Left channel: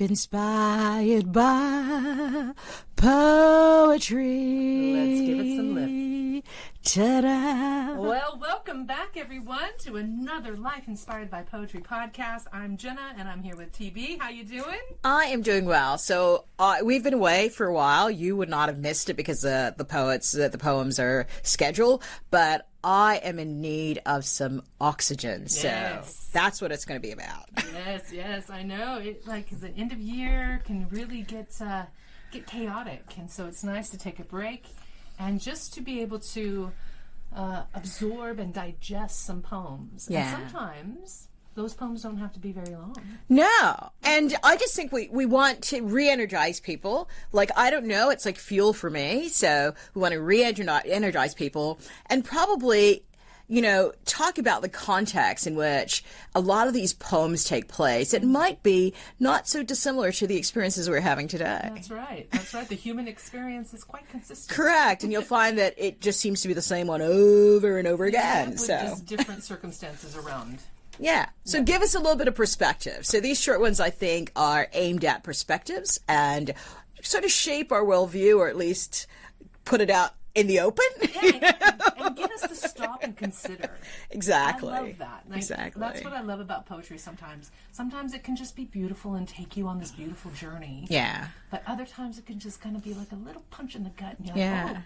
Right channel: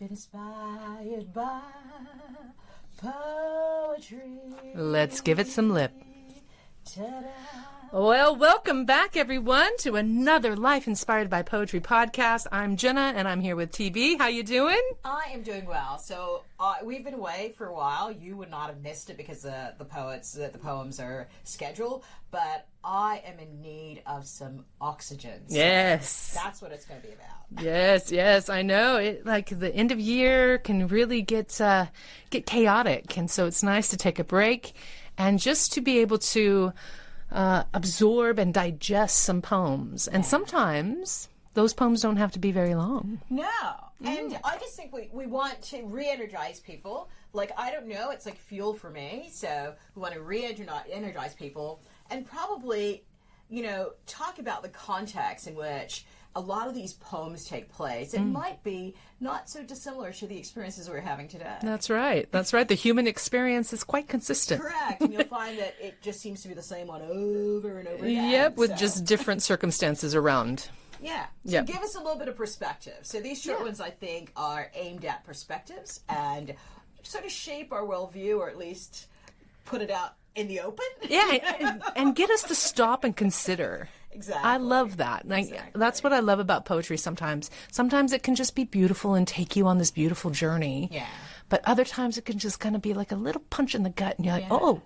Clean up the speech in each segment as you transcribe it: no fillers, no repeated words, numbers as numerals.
life inspired by poetry. Let's give it some lip. Ta-da. Well, welcome back, everyone, to another Life Inspired by Poetry podcast. I'm Ginna, and I'm here with TB. How you doing? I am doing well. So we've been away for a while. You would not have missed it because the poems are scheduled, but I am in need of some oxygen. So yes. That's what it's going to be about. Yes, I know. It, like the end of year can really get chaotic, and so it's nice to take a break and just to be able to absorb and digest some poems. And sometimes those poems don't have to be very long. No. And I just think we want to re-energize people. Like, I don't know, it's like fuel for me. So we want to re-energize people and probably, talk about the context in which a lot of these poems take place. It might be not so dissimilar to the experiences we're having today. That's right. The human experience is quite consistent. Correct. And you'll find that it just seems to be the same one over and over again. Yep, with just different circumstances around. Yeah. So give us a little bit of perspective. So these short ones, I think, are aimed at perspectives and sort of shape our worldview, or at least put it out in the open. and get us to stop and consider. Exactly. I love that. Exactly. That's what I love about poetry sometimes. Sometimes it can just be beautiful and take you on this beautiful journey. Yeah. But other times it can just kind of be like a little punch in the gut, and you're like,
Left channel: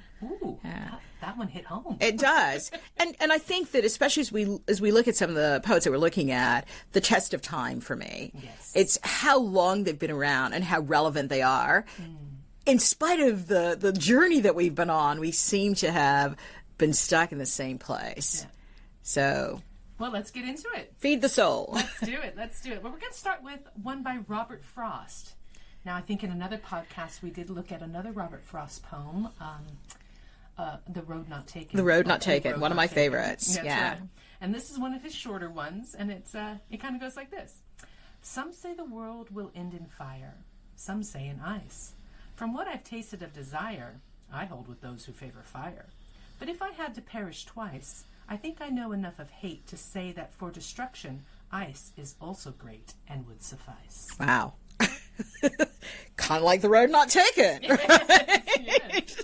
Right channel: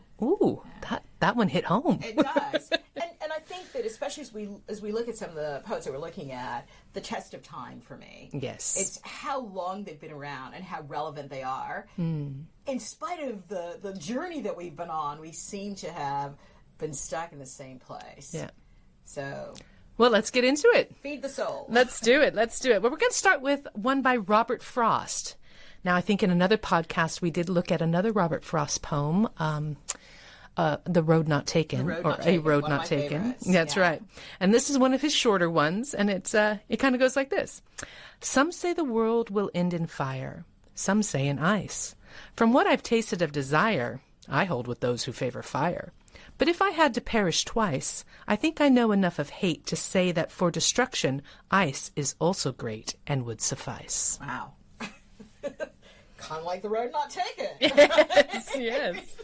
that one hit home. It does. and I think that especially as we look at some of the poets that we're looking at, the test of time for me. Yes. It's how long they've been around and how relevant they are. In spite of the journey that we've been on, we seem to have been stuck in the same place. Yeah. So, well, let's get into it. Feed the soul. Let's do it. Well, we're going to start with one by Robert Frost. Now, I think in another podcast we did look at another Robert Frost poem, The Road Not Taken. The Road Not Taken, one of my favorites. That's right. And this is one of his shorter ones, and it kind of goes like this. Some say the world will end in fire. Some say in ice. From what I've tasted of desire, I hold with those who favor fire. But if I had to perish twice, I think I know enough of hate to say that for destruction, ice is also great and would suffice. Wow. Kind of like The Road Not Taken. Yes.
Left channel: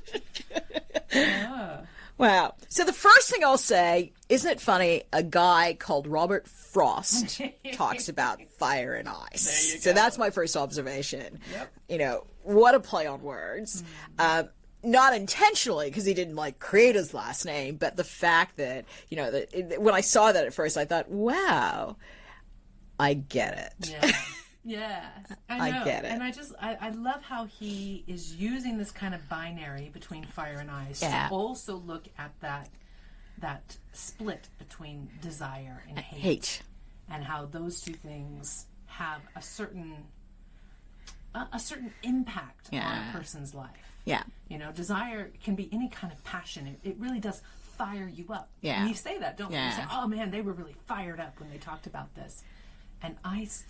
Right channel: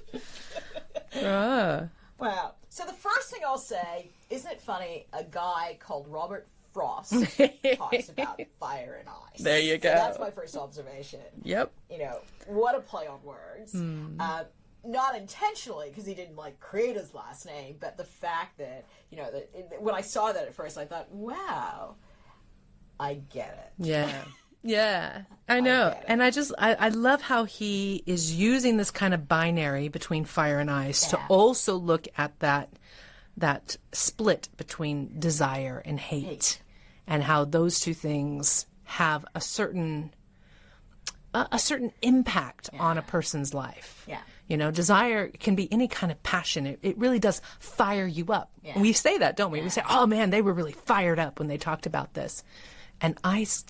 Wow. So the first thing I'll say, isn't it funny, a guy called Robert Frost talks about fire and ice. There you go. So that's my first observation. Yep. What a play on words. Not intentionally, because he didn't create his last name, but the fact that, when I saw that at first, I thought, wow, I get it. Yeah. Yeah, I know. I get it. And I love how he is using this kind of binary between fire and ice to also look at that split between desire and hate. And how those two things have a certain impact on a person's life. Yeah. Desire can be any kind of passion. It really does fire you up. Yeah. We say that, don't we? Yeah. We say, oh man, they were really fired up when they talked about this. And ice,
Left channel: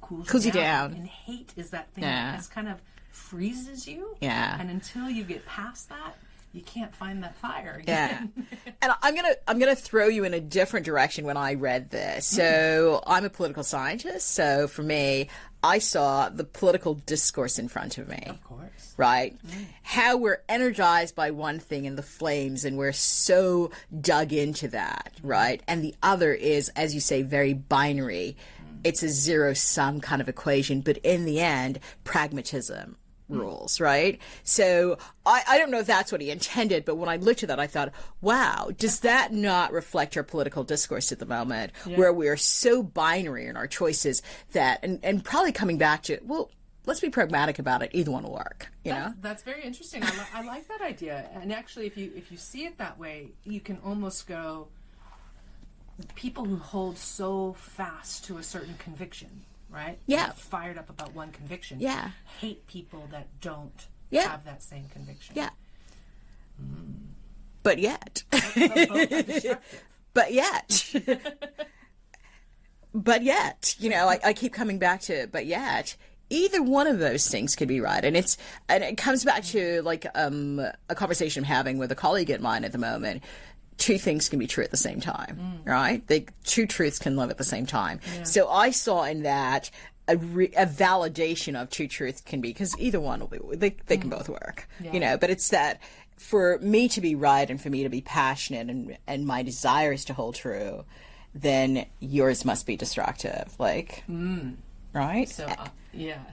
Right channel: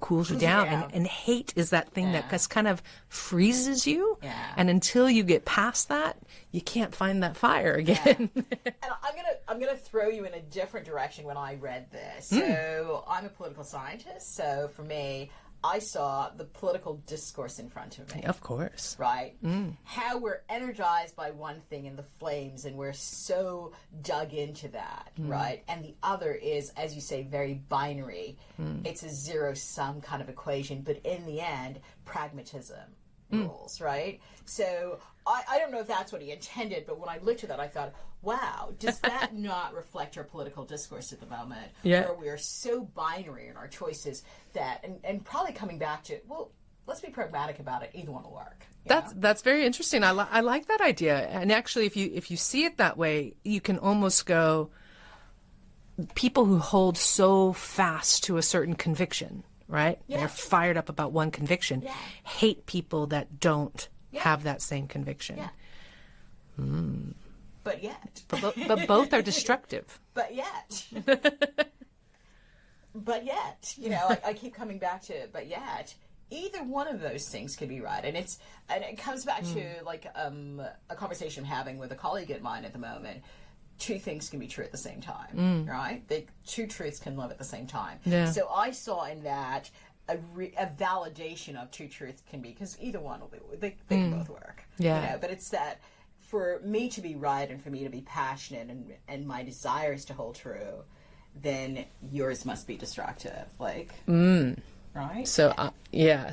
cools you down. And hate is that thing that just kind of freezes you. Yeah. And until you get past that, you can't find that fire again. Yeah. And I'm gonna throw you in a different direction when I read this. So I'm a political scientist. So for me, I saw the political discourse in front of me. Of course. Right? How we're energized by one thing in the flames and we're so dug into that, right? And the other is, as you say, very binary. It's a zero-sum kind of equation, but in the end, pragmatism rules, right? So I don't know if that's what he intended, but when I looked at that, I thought, wow, does that not reflect our political discourse at the moment, where we are so binary in our choices that, and probably coming back to, well, let's be pragmatic about it. Either one will work. That's very interesting. I like that idea. And actually, if you see it that way, you can almost go, people who hold so fast to a certain conviction, right? Yeah. They're fired up about one conviction. Yeah. Hate people that don't have that same conviction. Yeah. But yet. But both are destructive. But yet. I keep coming back to it, but yet. Either one of those things could be right. And it comes back to a conversation I'm having with a colleague of mine at the moment. Two things can be true at the same time, right? Two truths can live at the same time. Yeah. So I saw in that a validation of true truth can be, because either one will be, they can both work, Yeah. but it's that for me to be right and for me to be passionate and my desires to hold true, then yours must be destructive, right? So,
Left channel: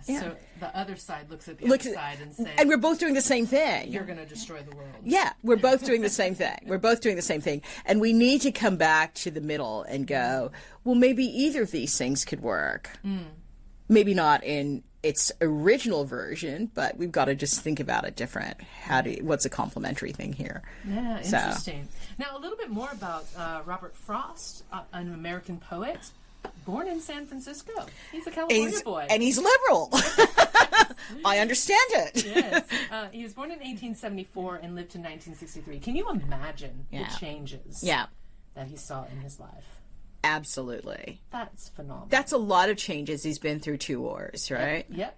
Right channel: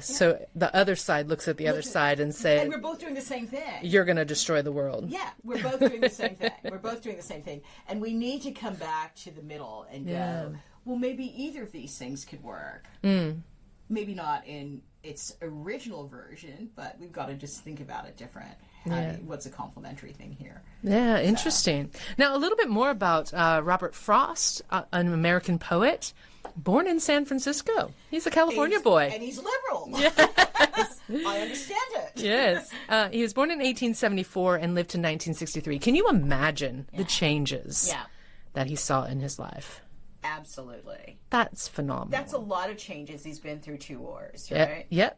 so the other side looks at the other side and say, and we're both doing the same thing. you're going to destroy the world. Yeah, we're both doing the same thing. We're both doing the same thing. And we need to come back to the middle and go, well, maybe either of these things could work. Maybe not in its original version, but we've got to just think about it different. What's a complementary thing here? Yeah, interesting. Now, a little bit more about Robert Frost, an American poet, born in San Francisco. He's a California boy. And he's liberal. I understand it. Yes. He was born in 1874 and lived to 1963. Can you imagine the changes that he saw in his life? Absolutely. That's phenomenal. That's a lot of changes. He's been through 2 wars, right? Yep.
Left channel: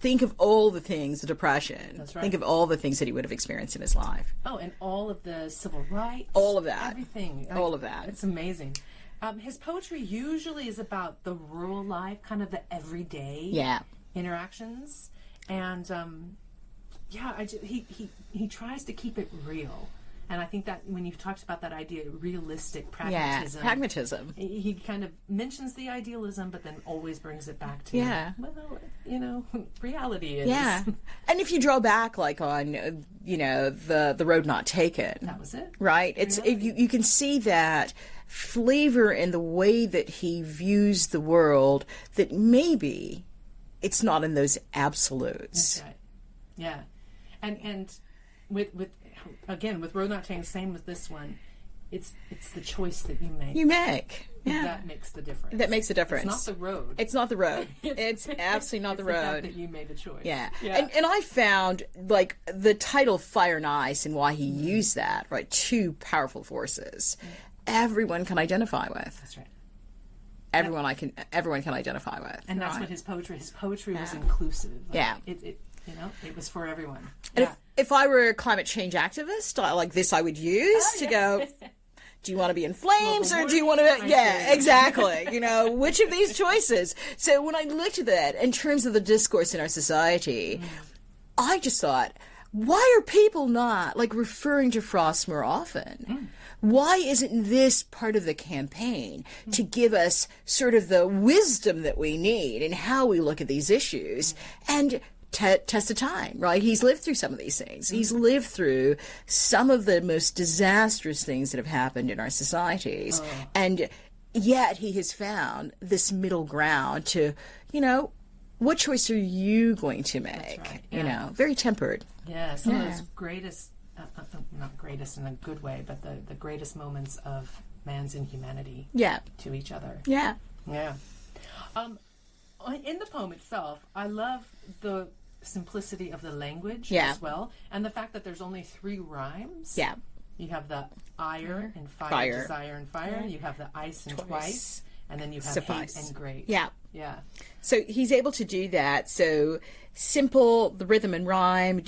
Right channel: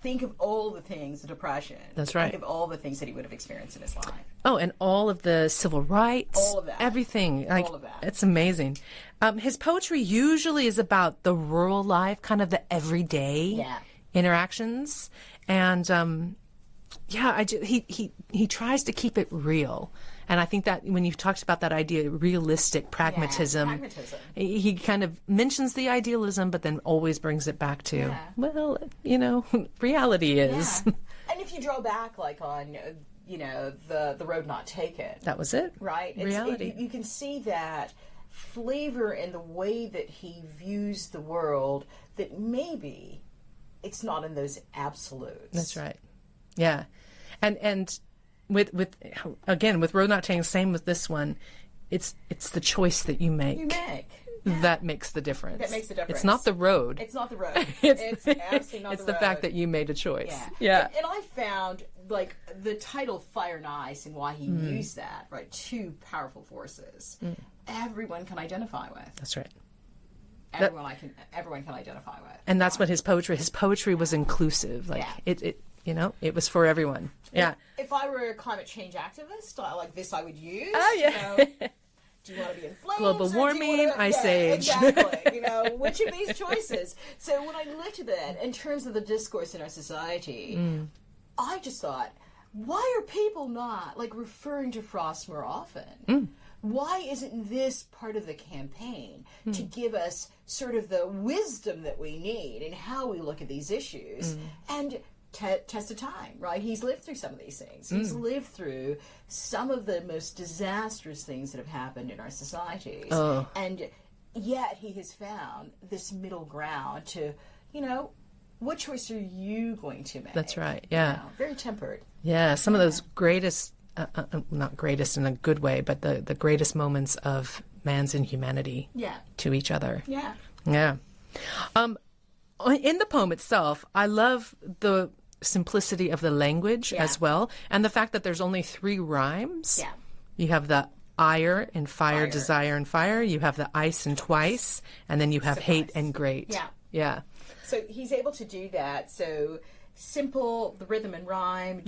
Think of all the things, the Depression. That's right. Think of all the things that he would have experienced in his life. Oh, and all of the civil rights. All of that. Everything. All of that. It's amazing. His poetry usually is about the rural life, kind of the everyday interactions. And he tries to keep it real. And I think that when you've talked about that idea, realistic pragmatism, he kind of mentions the idealism, but then always brings it back to, reality is. Yeah. And if you draw back, on, the road not taken. That was it. Right? You can see that flavor in the way that he views the world, that maybe it's not in those absolutes. That's right. Yeah. And with Road Not Taken, same with this one, it's the choice that you make. That makes the difference. That makes the difference. It's not the road. It's not the road. It's absolutely not the road. It's the fact that you made a choice. Yeah. And I found, the title Fire and Ice and why he used that, right? 2 powerful forces. Everyone can identify with. That's right. Everyone can identify with. And that's what his poetry was inclusive. It was for everyone. If I were a climate change activist, I would use to go, do you want to be in flames or do you want to... exactly. Which of these choices? So when I looked at that in terms of the discourse in our society, I just thought, why are people not referring to Frost more often? Why isn't this part of the campaign to give us sort of the wisdom that we need in how we look at these issues and test of time, right? He's lived through some of these things. He's lived through some of the most disastrous things that have happened in our societies. And yet he has found this middle ground to, what choice are you going to make? That's right. Yeah. Very tempered. Yeah. Some of those greatest, not greatest in a good way, but the greatest moments of man's inhumanity to each other. Yeah. Yeah. In the poem itself, I love the simplicity of the language as well, and the fact that there's only 3 rhymes. Yeah. You have the ire and fire, desire and fire. You have the ice and twice, and then you have hate and great. Yeah. Yeah. So he's able to do that. So simple, the rhythm and rhyme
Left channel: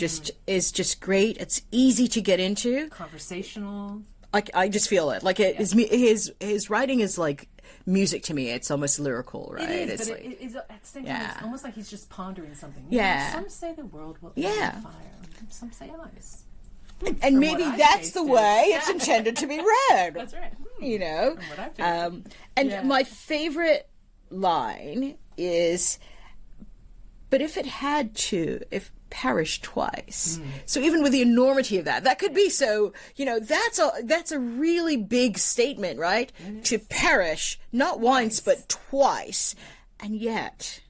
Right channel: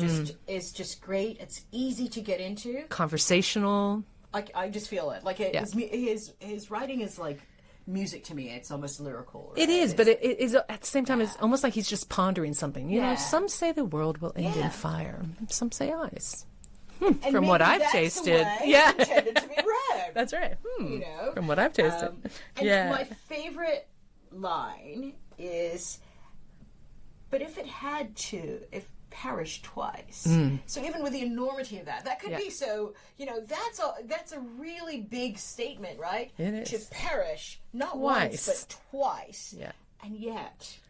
is just great. It's easy to get into. Conversational. I just feel it. His writing is like music to me. It's almost lyrical, right? It is, but it is at the same time, it's almost like he's just pondering something. Some say the world will end in fire. Some say ice. And from maybe what I've that's tasted. the way it's intended to be read. That's right. From what I've tasted. And my favorite line is, but if it had to, if perish twice. So even with the enormity of that could be so, that's a really big statement, right? To perish, not once, but twice. Yeah. And yet,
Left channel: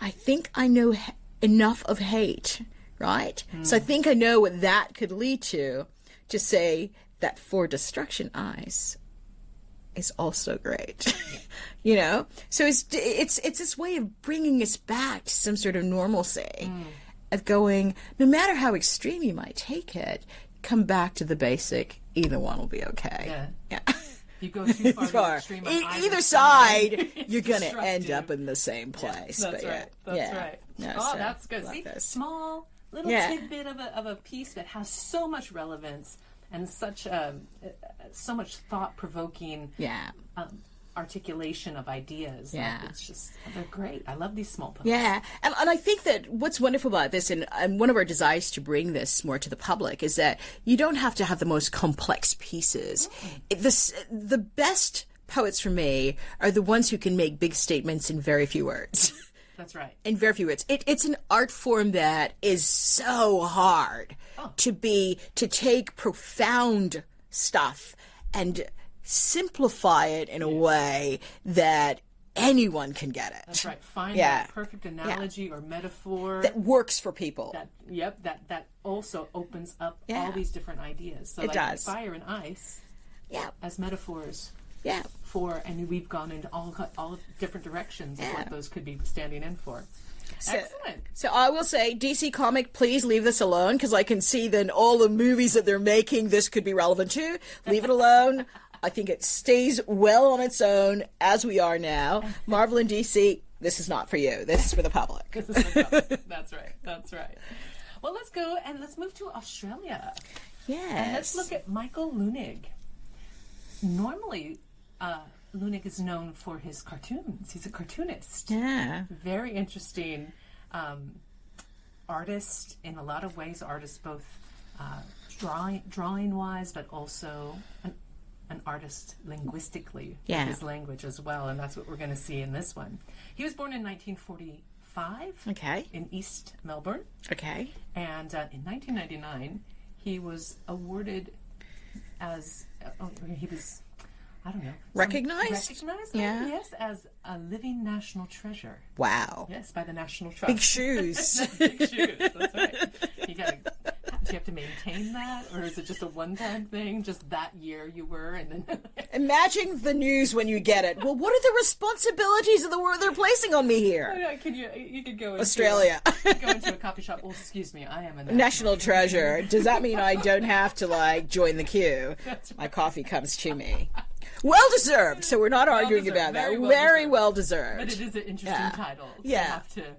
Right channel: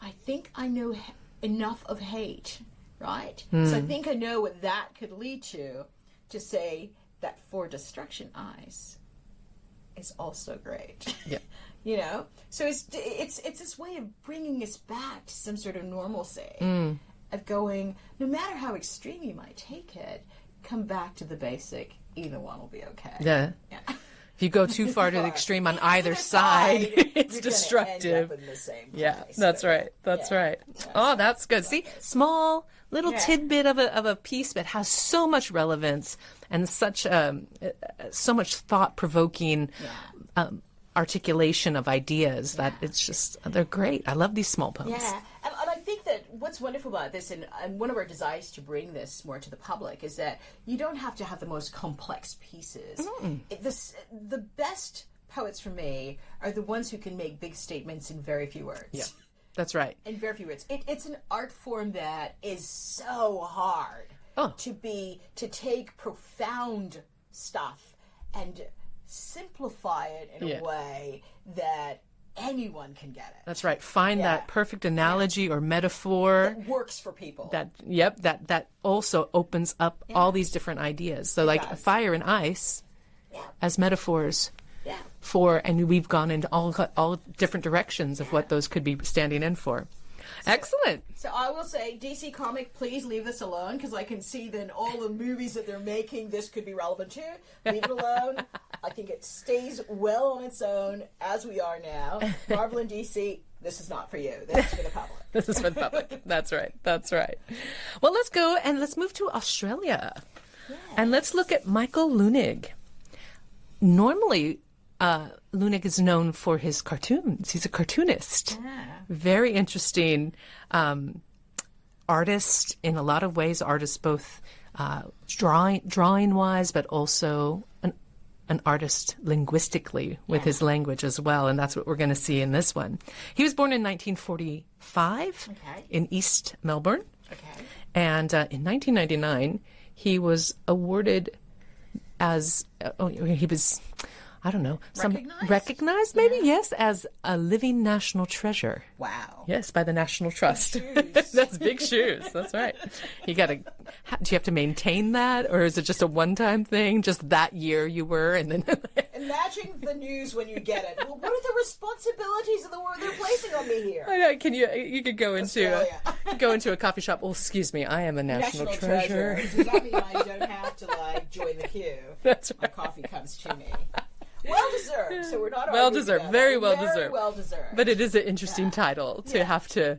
I think I know enough of hate, right? So I think I know what that could lead to say that for destruction eyes is also great. So it's this way of bringing us back to some sort of normalcy, of going, no matter how extreme you might take it, come back to the basic. Either one will be okay. Yeah. If you go too far to the extreme on either side, you're going to end up in the same place. Yeah, that's right. That's right. Yeah, that's good. See, small little tidbit of a piece that has so much relevance and such so much thought-provoking articulation of ideas that Yeah. it's just, they're great. I love these small poems. Yeah, and I think that what's wonderful about this, and one of our desires to bring this more to the public, is that you don't have to have the most complex pieces. The best poets for me are the ones who can make big statements in very few words. That's right. In very few words. It's an art form that is so hard to take profound stuff and simplify it in a way that anyone can get it. That's right. Find that perfect analogy or metaphor That works for people. that also opens up all these different ideas. So like does. fire and ice as metaphors and we've gone into all different directions of what those could be standing in for. Excellent. So I will say, DC Comic, please leave this alone, because I can see then all the movies that they're making this could be relevant to. Leave it alone. I think it stays well on its own as we are now. Marvel and DC, this is not for you. This is for the public. This is for the public. That's right. That's right. Well, let's go and let's move to Australia. Yes. And let's look at Michael Leunig. Normally, Leunig is known for his cartoons. He's a cartoonist. Yeah. Very interesting artist in a lot of ways. Artist both drawing-wise, but also an artist linguistically with his language as well. And that's what we're going to see in this one. He was born in 1945 in East Melbourne. Okay. And in 1999, he was awarded as, he was, I don't know. Recognized? Maybe, yes, as a living national treasure. Wow. Yes, by the National Trust. Big shoes. That's big shoes. That's right. Do you have to maintain that, or is it just a one-time thing? Just that year you were, and then Imagine the news when you get it. Well, what are the responsibilities of the world they're placing on me here? I know, you could go into Australia. go into a coffee shop. Oh, excuse me, I am a National treasure. Does that mean I don't have to join the queue? That's right. My coffee comes to me. Well deserved. So we're not arguing about very that. well Very deserved. well deserved. But it is an interesting title to have to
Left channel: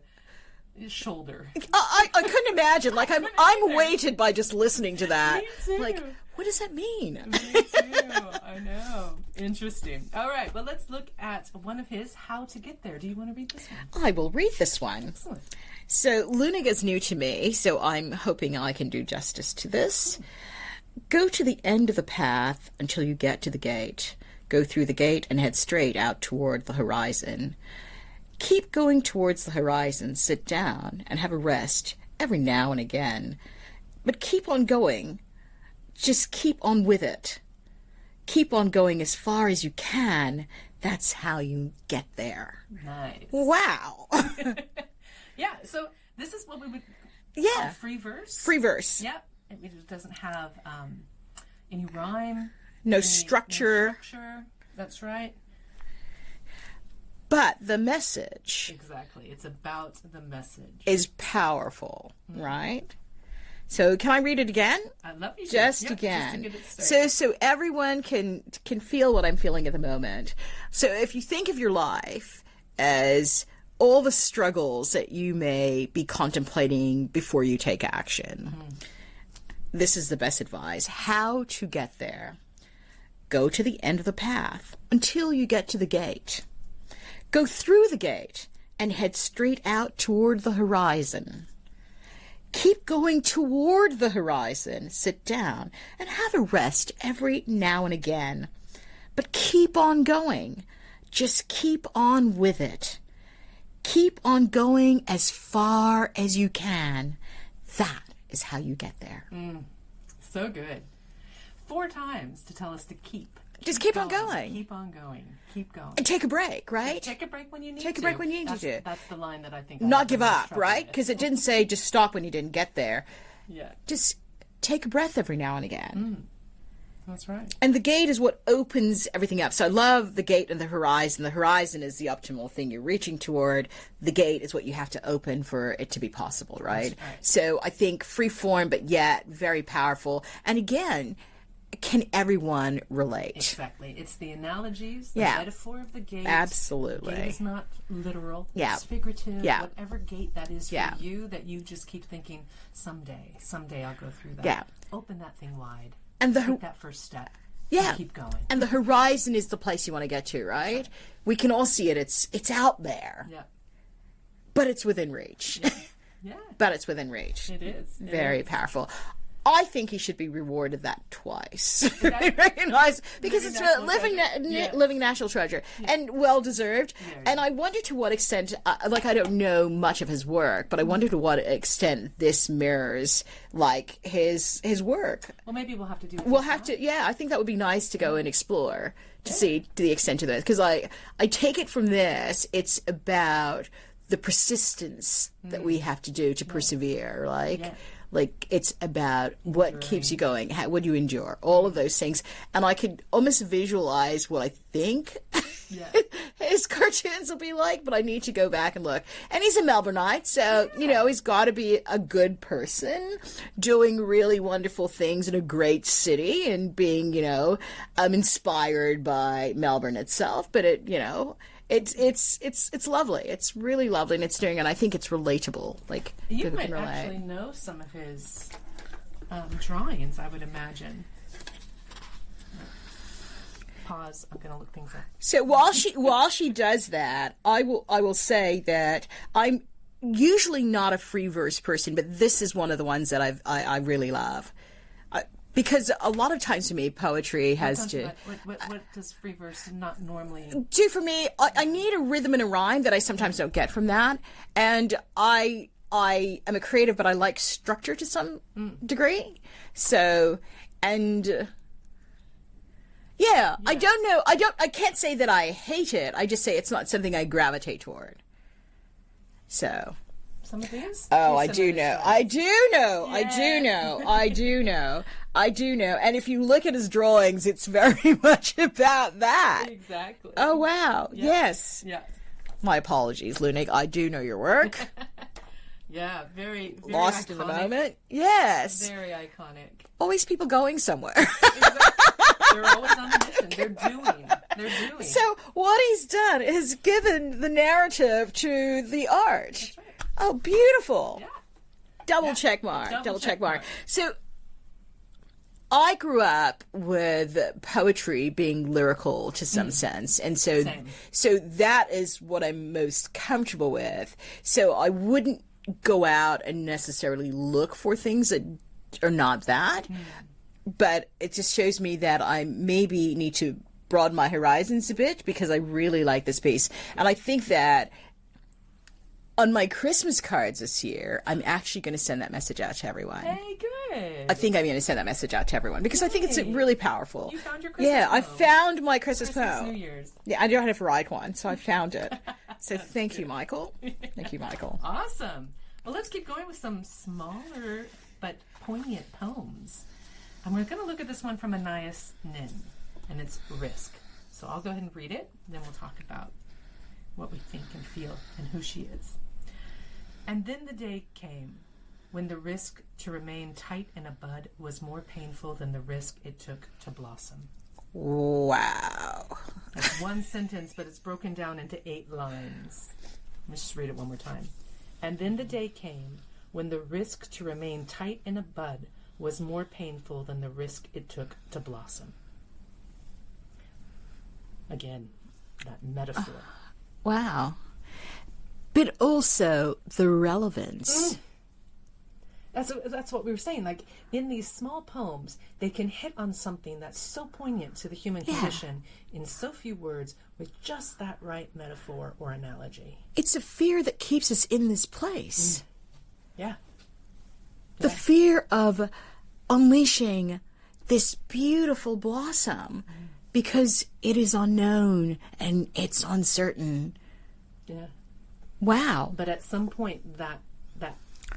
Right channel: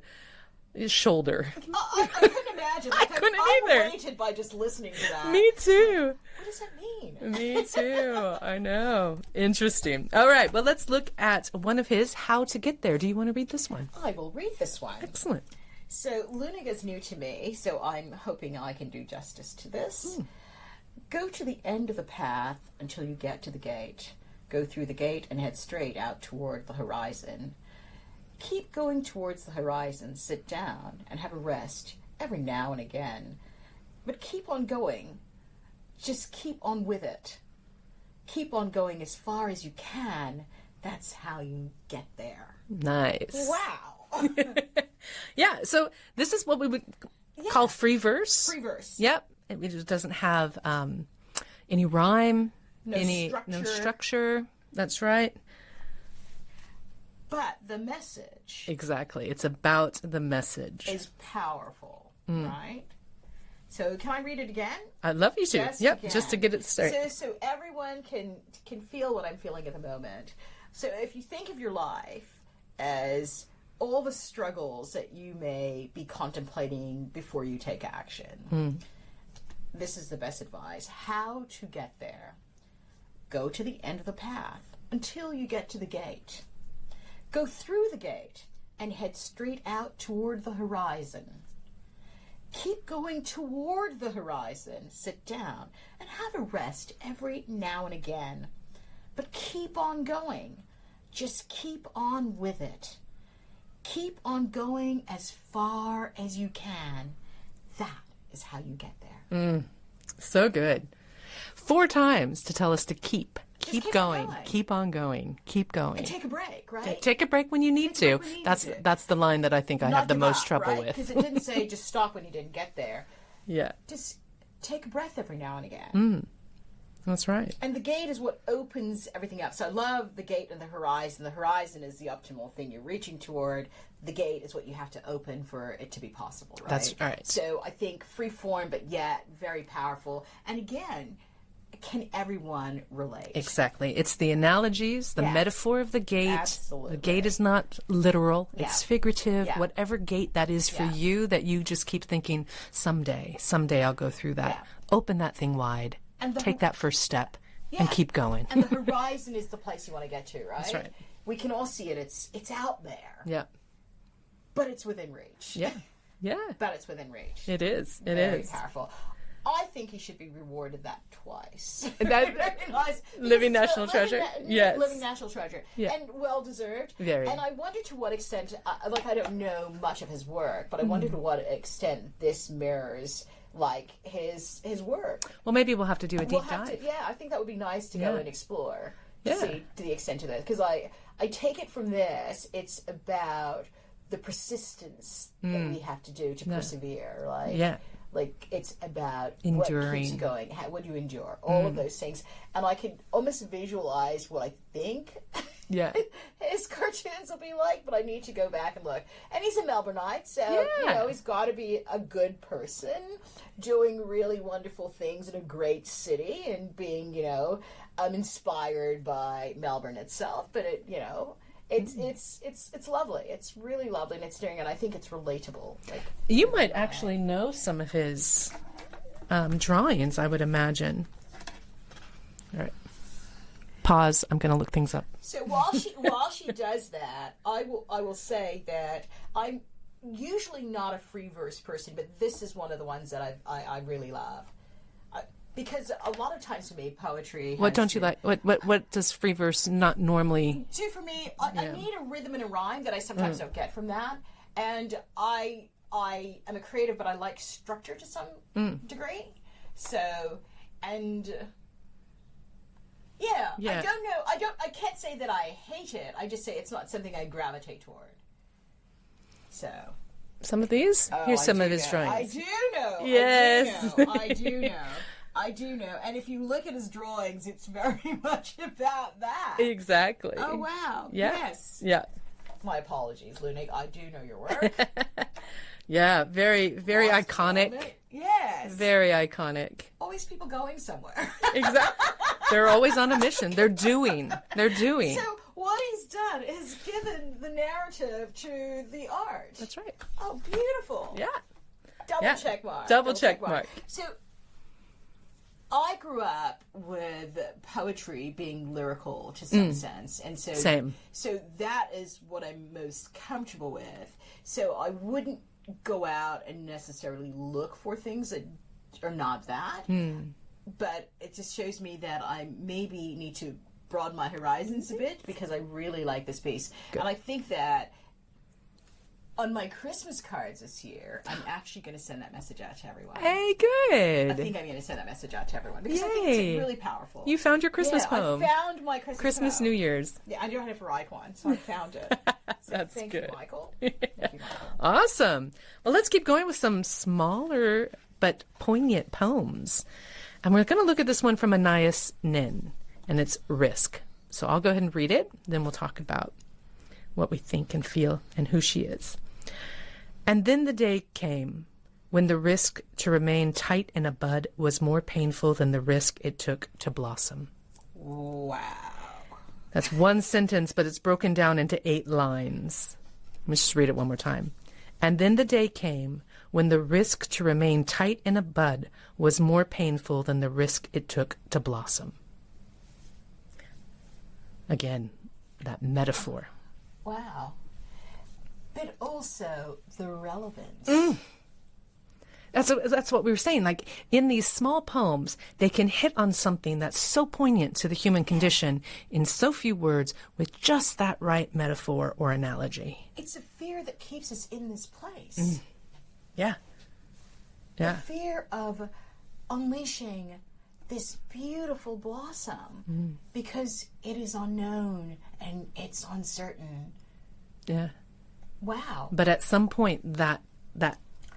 shoulder. I couldn't imagine. I'm couldn't either. weighted by just listening to that. Me too. What does that mean? Me too. I know. Interesting. All right. Well, let's look at one of his, How to Get There. Do you want to read this one? I will read this one. Excellent. So Leunig is new to me, so I'm hoping I can do justice to this. Go to the end of the path until you get to the gate. Go through the gate and head straight out toward the horizon. Keep going towards the horizon. Sit down and have a rest every now and again. But keep on going. Just keep on with it. Keep on going as far as you can. That's how you get there. Nice. Wow. Yeah. So this is what we would call free verse. Free verse. Yep. It just doesn't have any rhyme. No No structure. structure. That's right. But the message Exactly. It's about the message. is powerful, right? So can I read it again? I'd love you to. Just Yep, again. just to get it started. So everyone can feel what I'm feeling at the moment. So if you think of your life as all the struggles that you may be contemplating before you take action, this is the best advice. How to get there. Go to the end of the path until you get to the gate. Go through the gate and head straight out toward the horizon. Keep going toward the horizon. Sit down and have a rest every now and again. But keep on going. Just keep on with it. Keep on going as far as you can. That is how you get there. So good. 4 times to tell us to keep. Just keep on going. Keep on going. Keep going. And take a break, right? Take a break when you need Take a to. break when you need to. That's the line that I think I Not have the give most up, trouble right? with. Because it didn't say just stop when you didn't get there. Yeah, Just take a breath every now and again. that's right. And the gate is what opens everything up. So I love the gate and the horizon. The horizon is the optimal thing you're reaching toward. The gate is what you have to open for it to be possible, right? That's right. So I think free form, but yet very powerful. And again, can everyone relate? Exactly. It's the analogies, the Yeah. metaphor of the gate. Absolutely. The gate is not literal. Yeah. It's figurative. Yeah. Whatever gate that is for Yeah. you, that you just keep thinking, someday I'll go through that. Yeah. Open that thing wide. And take that first step. and keep going. And the horizon is the place you want to get to, right? right. We can all see it. It's out there. Yeah. But it's within reach. Yeah. Yeah. But it's within reach. It is. It Very is. powerful. I think he should be rewarded that twice. That- Recognized because Living it's national living, treasure. Yes. living national treasure, Yeah. and well deserved. Very. And I wonder to what extent, like I don't know much of his work, but I wonder to what extent this mirrors like his work. Well, maybe we'll have to do a deep We'll have dive. to, yeah. I think that would be nice to go and explore to Yeah. see to the extent of this, because I take it from this, it's about the persistence that we have to do to persevere, like. Yeah. Like, it's about what keeps you going, how would you endure, all of those things. And I could almost visualize what I think Yeah. his cartoons will be like, but I need to go back and look. And he's a Melbourneite, so, you know, he's got to be a good person, doing really wonderful things in a great city and being, you know, inspired by Melbourne itself. But it, you know... It's lovely. It's really lovely, and it's doing, and I think it's relatable. Like You with might the actually know some of his drawings, I would imagine. All right. Pause. I'm going to look things up. So while she does that, I will say that I'm usually not a free verse person, but this is one of the ones that I really love. Because a lot of times for me, poetry has What don't you like? What does free verse not normally do for me? I need a rhythm and a rhyme that I sometimes don't get from that. And I am a creative, but I like structure to some degree. So, and yeah, I don't know. I can't say that I hate it. I just say it's not something I gravitate toward. So. some of these? Oh, Here's I some do of his know. drawings. I do know. Yes. I do know. I do know. And if you look at his drawings, it's very much about that. Exactly. Oh, wow. Yeah. Yes. Yeah. My apologies, Lunig. I do know your work. Yeah. Very, very Lost in the iconic. moment. Yes. Very iconic. Always people going somewhere. Exactly. They're always on a mission. They're doing. So what he's done is given the narrative to the art. That's right. Oh, beautiful. Yeah. Double check mark. Double check mark. So I grew up with poetry being lyrical to some sense, and so Same. so that is what I'm most comfortable with. So I wouldn't go out and necessarily look for things that are not that, but it just shows me that I maybe need to broaden my horizons a bit because I really like this piece, and I think that on my Christmas cards this year, I'm actually going to send that message out to everyone. Hey, good. I think I'm going to send that message out to everyone because I think it's Yay. really powerful. You found your Christmas poem. I found my Christmas Christmas, poem. New Year's. Yeah, I don't have to write one, so I found it. So That's thank you, good. Michael. Thank you, Michael. Awesome. Well, let's keep going with some smaller but poignant poems. And we're going to look at this one from Anais Nin, and it's Risk. So I'll go ahead and read it, then we'll talk about what we think and feel and who she is. And then the day came when the risk to remain tight in a bud was more painful than the risk it took to blossom. Wow. That's one sentence, but it's broken down into 8 lines. Let me just read it one more time. And then the day came when the risk to remain tight in a bud was more painful than the risk it took to blossom. Again, that metaphor. Wow. But also the relevance. That's what we were saying. Like, in these small poems, they can hit on something that's so poignant to the human condition in so few words with just that right metaphor or analogy. It's a fear that keeps us in this place. Yeah. The fear of unleashing this beautiful blossom because it is unknown and it's uncertain. Yeah. Wow. But at some point, that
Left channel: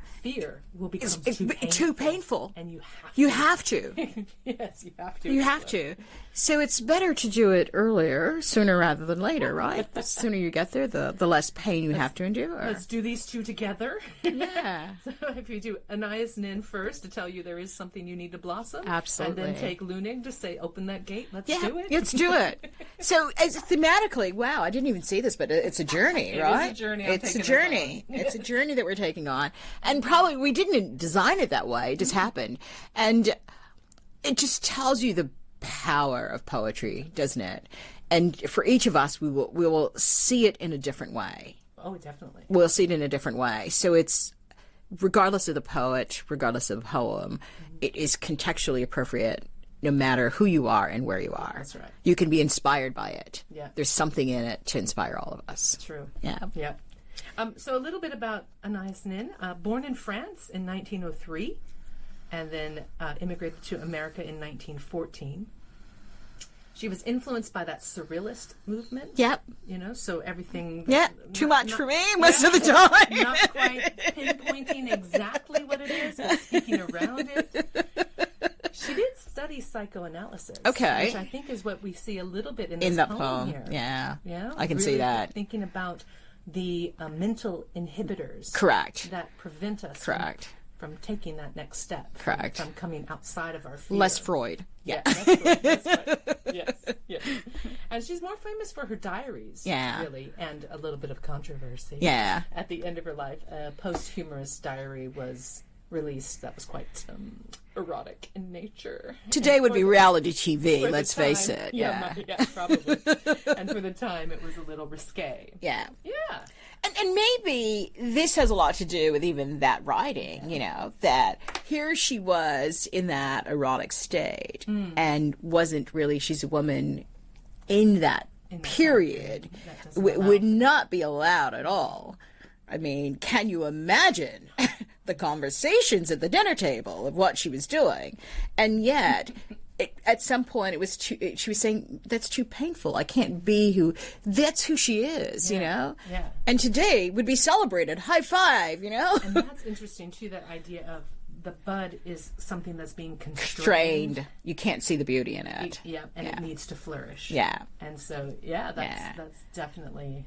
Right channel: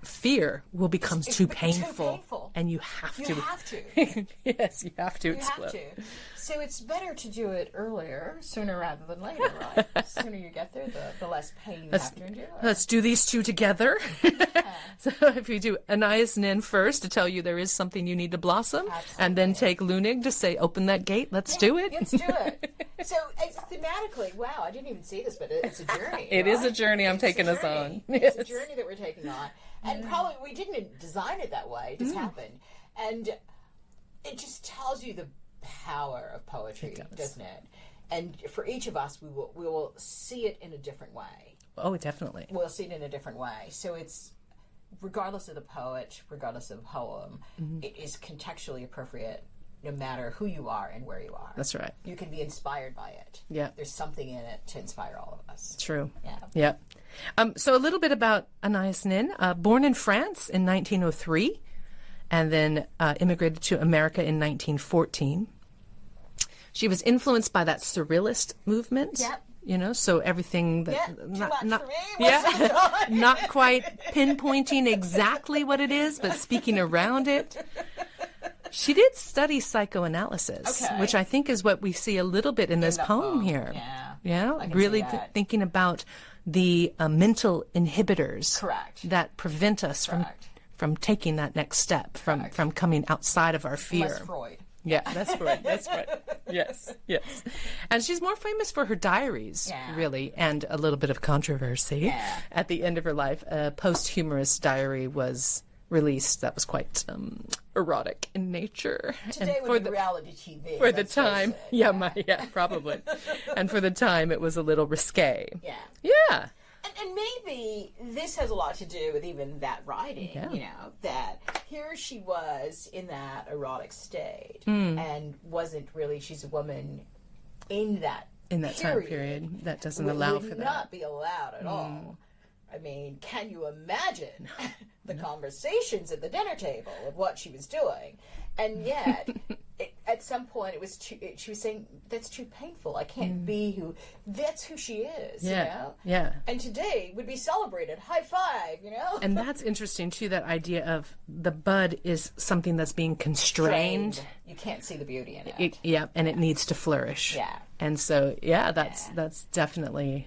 fear will become too painful. Too painful. And you have to. You have to. Yes, you have to. You have to. So it's better to do it earlier, sooner rather than later, right? The sooner you get there, the less pain you have to endure. Let's do these two together. Yeah. So if you do Anais Nin first to tell you there is something you need to blossom, and then Absolutely. take Lunig to say open that gate, let's do it. Let's do it. So as thematically, wow, I didn't even see this, but it's a journey. It right? is a journey I'm taking us It's a journey. on. It's a journey that we're taking on, and probably we didn't design it that way. It just happened, and it just tells you the power of poetry, doesn't it? And for each of us, we will see it in a different way. Oh, definitely. We'll see it in a different way. So it's, regardless of the poet, regardless of the poem, it is contextually appropriate no matter who you are and where you are. That's right. You can be inspired by it. Yeah. There's something in it to inspire all of us. True. Yeah. Yeah. So a little bit about Anais Nin. Born in France in 1903 and then immigrated to America in 1914. She was influenced by that surrealist movement. Yep. You know, so everything. Too much for me most of the time. Not quite pinpointing exactly what it is, but speaking around it. She did study psychoanalysis, which I think is what we see a little bit in this poem here. Yeah. Yeah. I can really see that. Thinking about the mental inhibitors. Correct. That prevent us from taking that next step, from coming outside of our fear. Less Freud. Yeah, that's right. Yes. And she's more famous for her diaries, really, and a little bit of controversy. Yeah. At the end of her life, a posthumous diary was released that was quite erotic in nature. Today would be reality TV, let's face it. Yeah, probably. And for the time, it was a little risque. Yeah. Yeah. And maybe this has a lot to do with even that writing, you know, that here she was in that erotic state and wasn't really, she's a woman in that period. That doesn't would not be allowed at all. I mean, can you imagine the conversations at the dinner table of what she was doing? And yet, at some point, it was she was saying, that's too painful. I can't be that's who she is, you know? Yeah. And today would be celebrated. High five, you know? And that's interesting, too, that idea of the bud is something that's being constrained. You can't see the beauty in it. It needs to flourish. Yeah. And so, that's definitely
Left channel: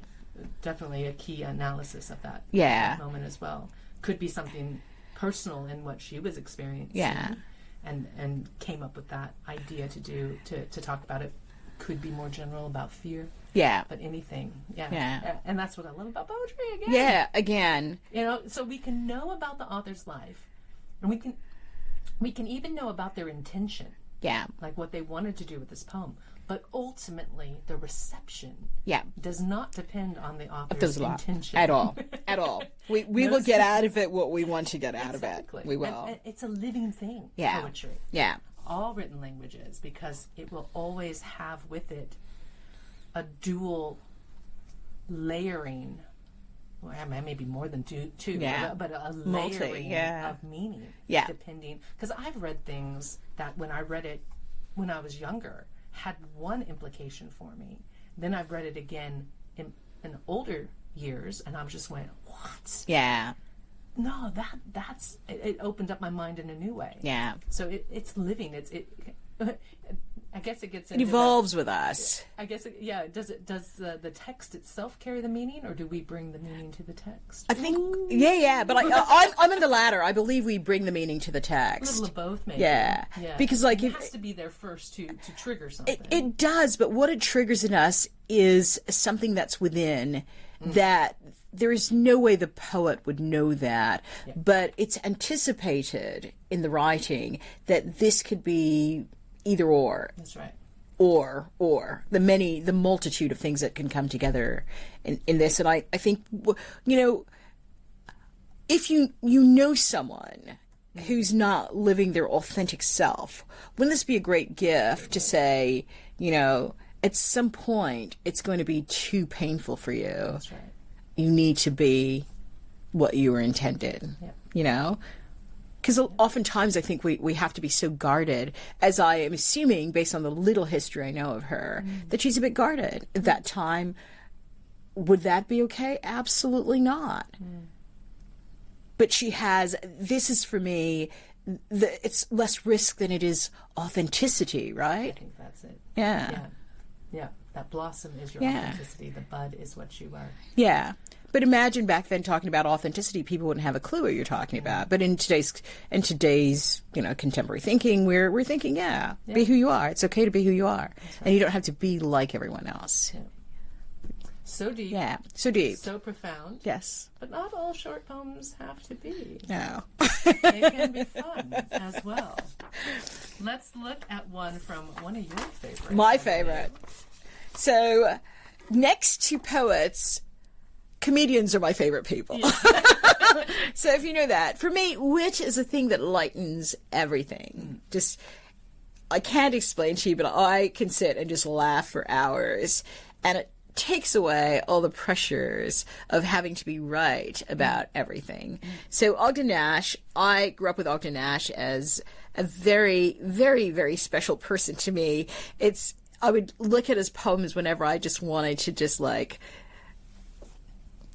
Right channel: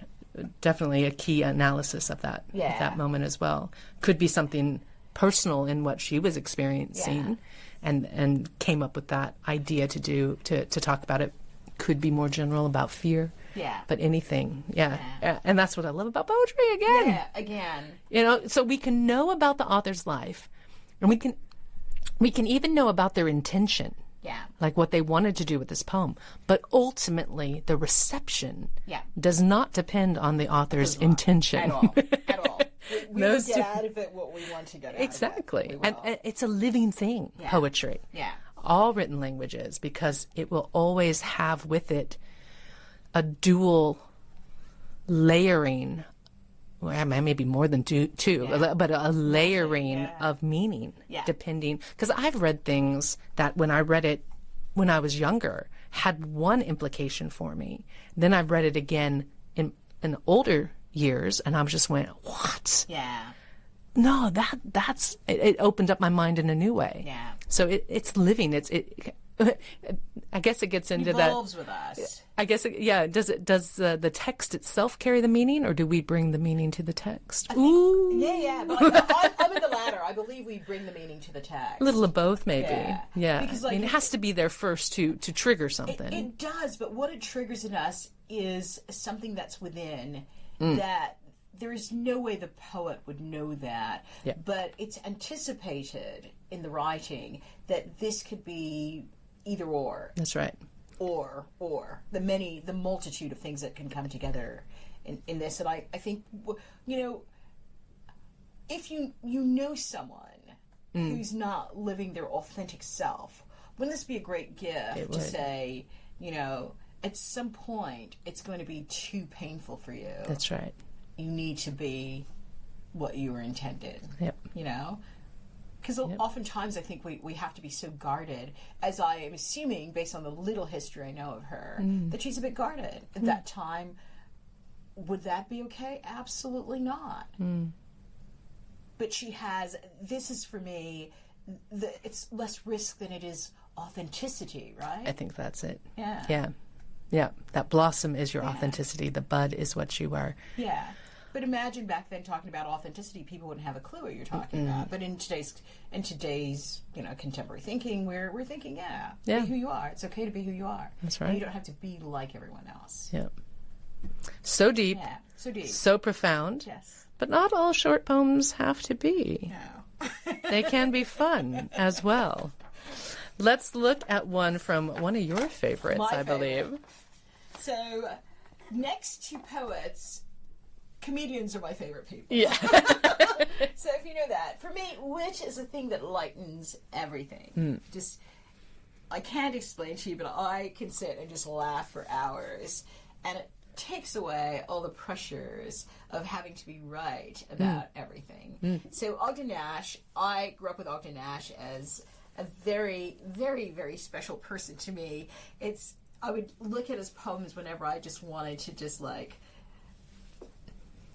a key analysis of that, that moment as well. Could be something personal in what she was experiencing and came up with that idea to talk about it. Could be more general about fear. Yeah. But anything. Yeah. And that's what I love about poetry again. Yeah, again. You know, so we can know about the author's life and we can even know about their intention. Yeah. Like what they wanted to do with this poem. But ultimately, the reception does not depend on the author's intention. At all. At all. We will get out of it what we want to get out of it. Exactly. We will. And it's a living thing, poetry. Yeah. All written languages, because it will always have with it a dual layering. Well, maybe more than two, but a layering of meaning, depending. Because I've read things that when I read it when I was younger had one implication for me. Then I read it again in older years, and I just went, "What?" Yeah. No, that's it opened up my mind in a new way. Yeah. So it's living. I guess it gets into it evolves with us. I guess, Does the text itself carry the meaning, or do we bring the meaning to the text? I think, but I'm in the latter. I believe we bring the meaning to the text. A little of both, maybe. Yeah. Because it has to be there first to trigger something. It does, but what it triggers in us is something that's within that. There is no way the poet would know that, but it's anticipated in the writing that this could be either or. That's right. Or the multitude of things that can come together in this. And I think, you know, if you know someone who's not living their authentic self, wouldn't this be a great gift to say, you know, at some point it's going to be too painful for you. That's right. You need to be what you were intended, you know? Because oftentimes I think we have to be so guarded, as I am assuming, based on the little history I know of her, that she's a bit guarded. At that time, would that be okay? Absolutely not. But she has, this is for me, it's less risk than it is authenticity, right? I think that's it. Yeah. Yeah, that blossom is your authenticity. The bud is what you are. Yeah. But imagine back then talking about authenticity, people wouldn't have a clue what you're talking about. But in today's you know, contemporary thinking, we're thinking, be who you are. It's okay to be who you are. That's right. And you don't have to be like everyone else. Yeah. So deep. Yeah. So deep. So profound. Yes. But not all short poems have to be. No. They can be fun as well. Let's look at one from one of your favorites. My I favorite. believe. So, next to poets, comedians are my favorite people. Yeah. So if you know that, for me, wit is a thing that lightens everything. Just, I can't explain to you, but I can sit and just laugh for hours, and it takes away all the pressures of having to be right about everything. So Ogden Nash, I grew up with Ogden Nash as a very, very, very special person to me. I would look at his poems whenever I just wanted to just like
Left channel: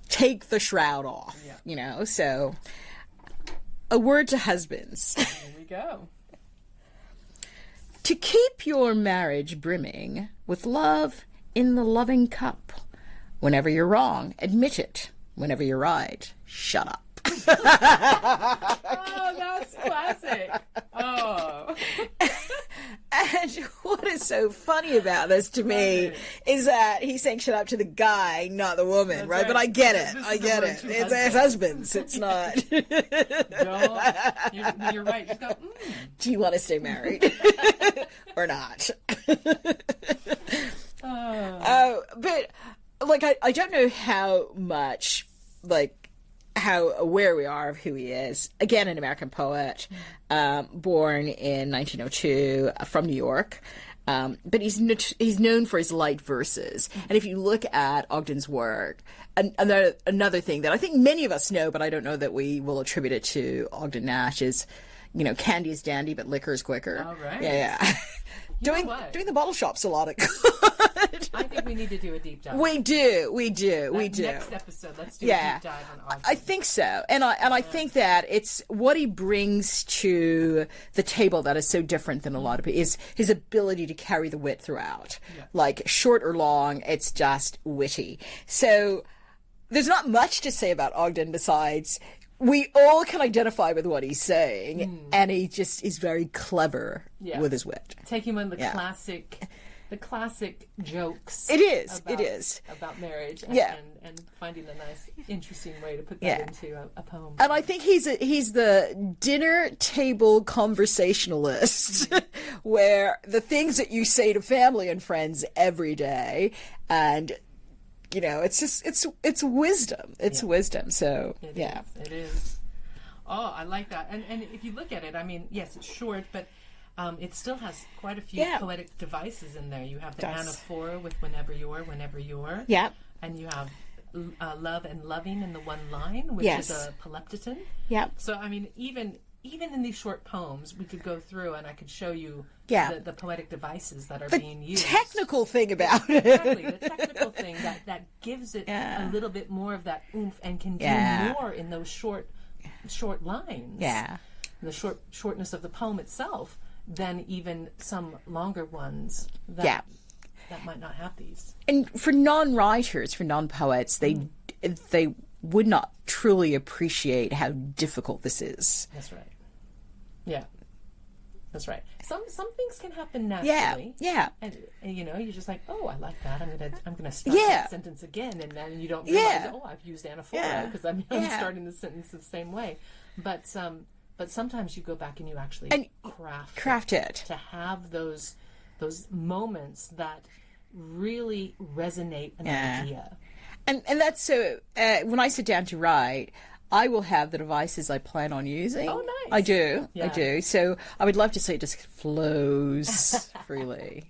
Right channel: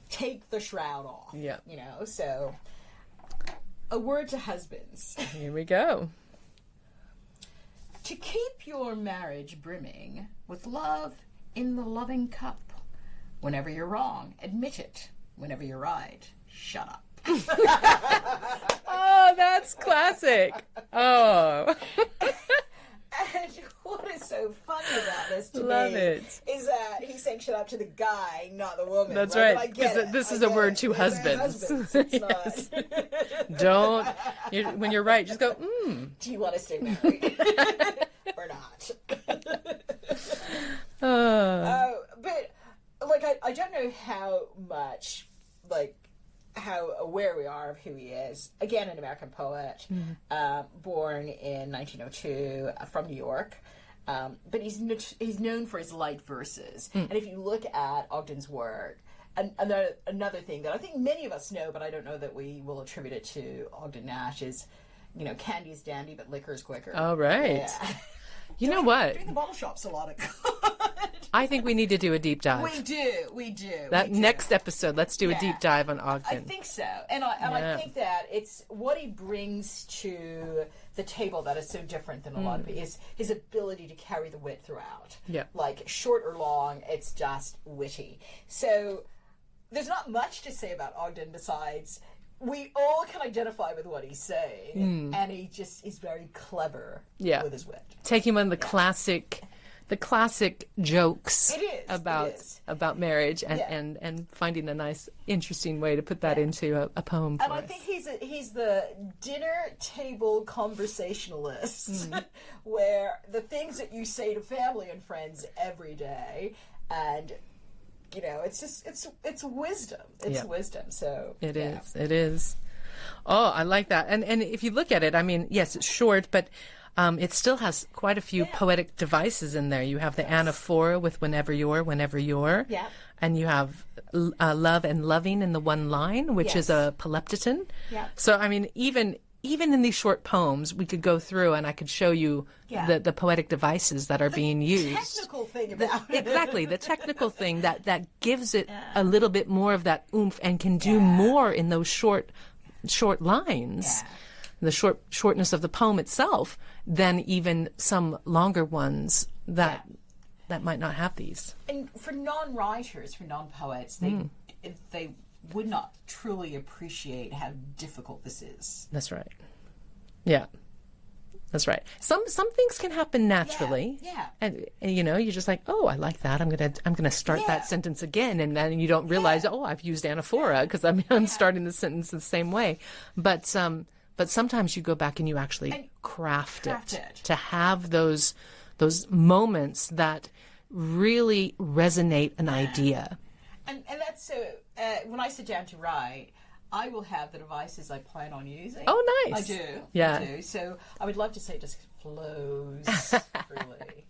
take the shroud off, you know? So, a word to husbands. Here we go. To keep your marriage brimming with love in the loving cup. Whenever you're wrong, admit it. Whenever you're right, shut up. Oh, that's classic. Oh. And what is so funny about this to me is that he's saying shut up to the guy, not the woman, That's right? But I get it. This I is get a word it. to It's husbands. husbands. It's not. When you're right, just go, Do you want to stay married or not? But like, I don't know how much, like, how aware we are of who he is. Again, an American poet, born in 1902 from New York. But he's known for his light verses. And if you look at Ogden's work, another thing that I think many of us know, but I don't know that we will attribute it to Ogden Nash is, you know, candy is dandy, but liquor is quicker. Oh, right. Yeah. You know what? Doing the bottle shop's a lot of good. I think we need to do a deep dive. We do. Next episode, let's do a deep dive on Ogden. I think so. And I think that it's what he brings to the table that is so different than a lot of people, is his ability to carry the wit throughout. Yeah. Like, short or long, it's just witty. So there's not much to say about Ogden besides we all can identify with what he's saying, and he just is very clever with his wit. Taking one of the classic jokes. It is. About marriage and finding a nice, interesting way to put that into a poem. And I think he's the dinner table conversationalist, where the things that you say to family and friends every day, and you know, it's just it's wisdom. It's wisdom. So it is. Oh, I like that. And if you look at it, I mean, yes, it's short, but it still has quite a few poetic devices in there. You have the anaphora with whenever you're. Yeah. And you have love and loving in the one line, which is a polyptoton. Yeah. So, I mean, even in these short poems, we could go through and I could show you the poetic devices that are being used. Technical thing about it. Exactly. The technical thing that gives it a little bit more of that oomph and can do more in those short lines. Yeah. The shortness of the poem itself than even some longer ones that might not have these. And for non-writers, for non-poets, they would not truly appreciate how difficult this is. That's right. Yeah. That's right. Some things can happen naturally. Yeah. And you know, you're just like, oh, I like that. I'm gonna start that sentence again, and then you don't realize, oh, I've used anaphora because I'm starting the sentence the same way. But sometimes you go back and you actually craft it to have those moments that really resonate an idea. And that's so. When I sit down to write, I will have the devices I plan on using. Oh, nice. I do. Yeah. I do. So I would love to say it just flows freely,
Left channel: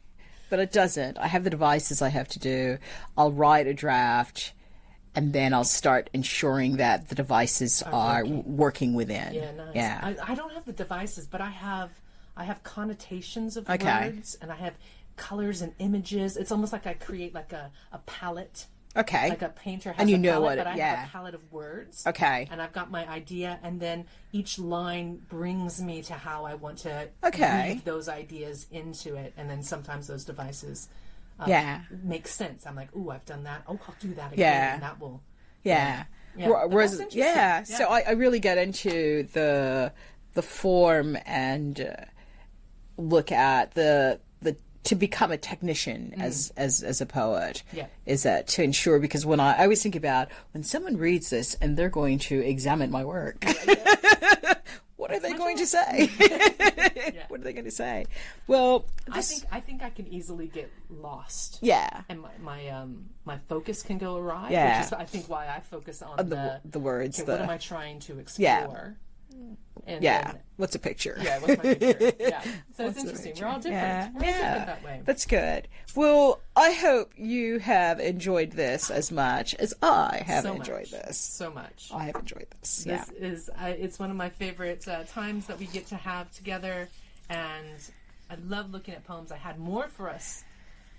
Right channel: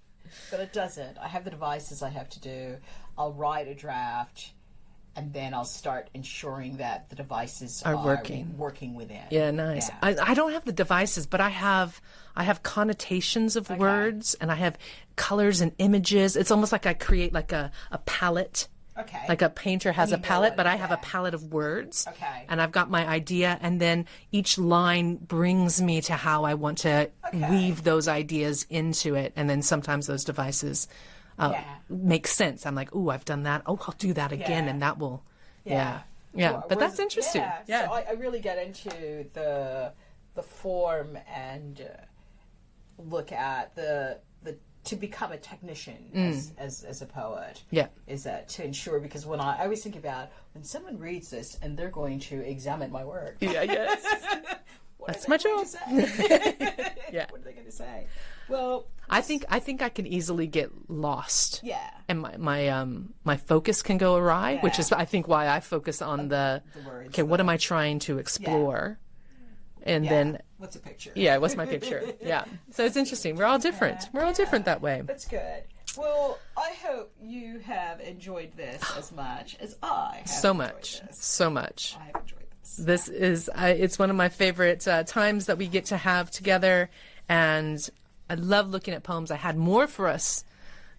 but it doesn't. I have the devices I have to do. I'll write a draft, and then I'll start ensuring that the devices are working within. Yeah, nice. Yeah. I don't have the devices, but I have connotations of words, and I have colors and images. It's almost like I create like a palette. Okay. Like a painter has a palette, but I have a palette of words. Okay. And I've got my idea, and then each line brings me to how I want to weave those ideas into it. And then sometimes those devices make sense. I'm like, ooh, I've done that. Oh, I'll do that again, and that will. Yeah. But that's interesting. Yeah. So I really get into the form and look at the to become a technician as a poet. Is that to ensure, because when I always think about when someone reads this and they're going to examine my work. What are they going to say? Yeah. What are they going to say? Well, I think I can easily get lost. Yeah. And my focus can go awry, which Yeah. is I think why I focus on the words. Okay, what am I trying to explore? And Yeah. then What's a picture? yeah, what's my picture? Yeah. So it's interesting. We're all different. Yeah. We're all different that way. That's good. Well, I hope you have enjoyed this as much as I have So enjoyed much. this. So much. I have enjoyed this. This is it's one of my favorite times that we get to have together, and I love looking at poems. I had more for us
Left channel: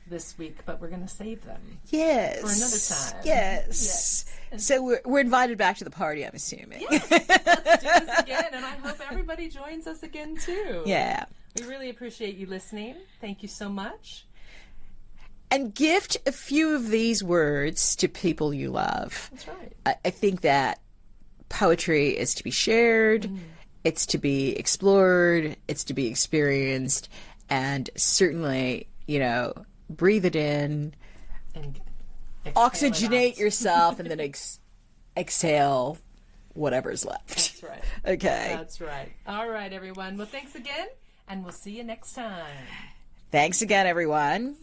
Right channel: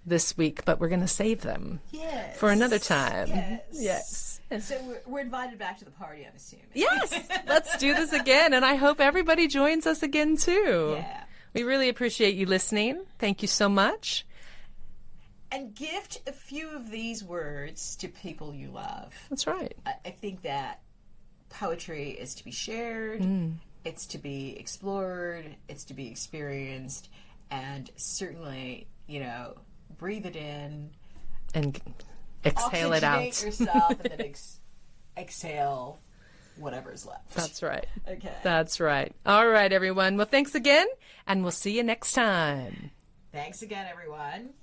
this week, but we're going to save them Yes. for another time. Yes. So we're invited back to the party, I'm assuming. Yes, let's do this again, and I hope everybody joins us again too. Yeah. We really appreciate you listening. Thank you so much. And gift a few of these words to people you love. That's right. I think that poetry is to be shared, it's to be explored, it's to be experienced, and certainly, breathe it in, And exhale it out. oxygenate yourself, and then exhale whatever's left. That's right. Okay. That's right. All right, everyone. Well, thanks again, and we'll see you next time. Thanks again, everyone.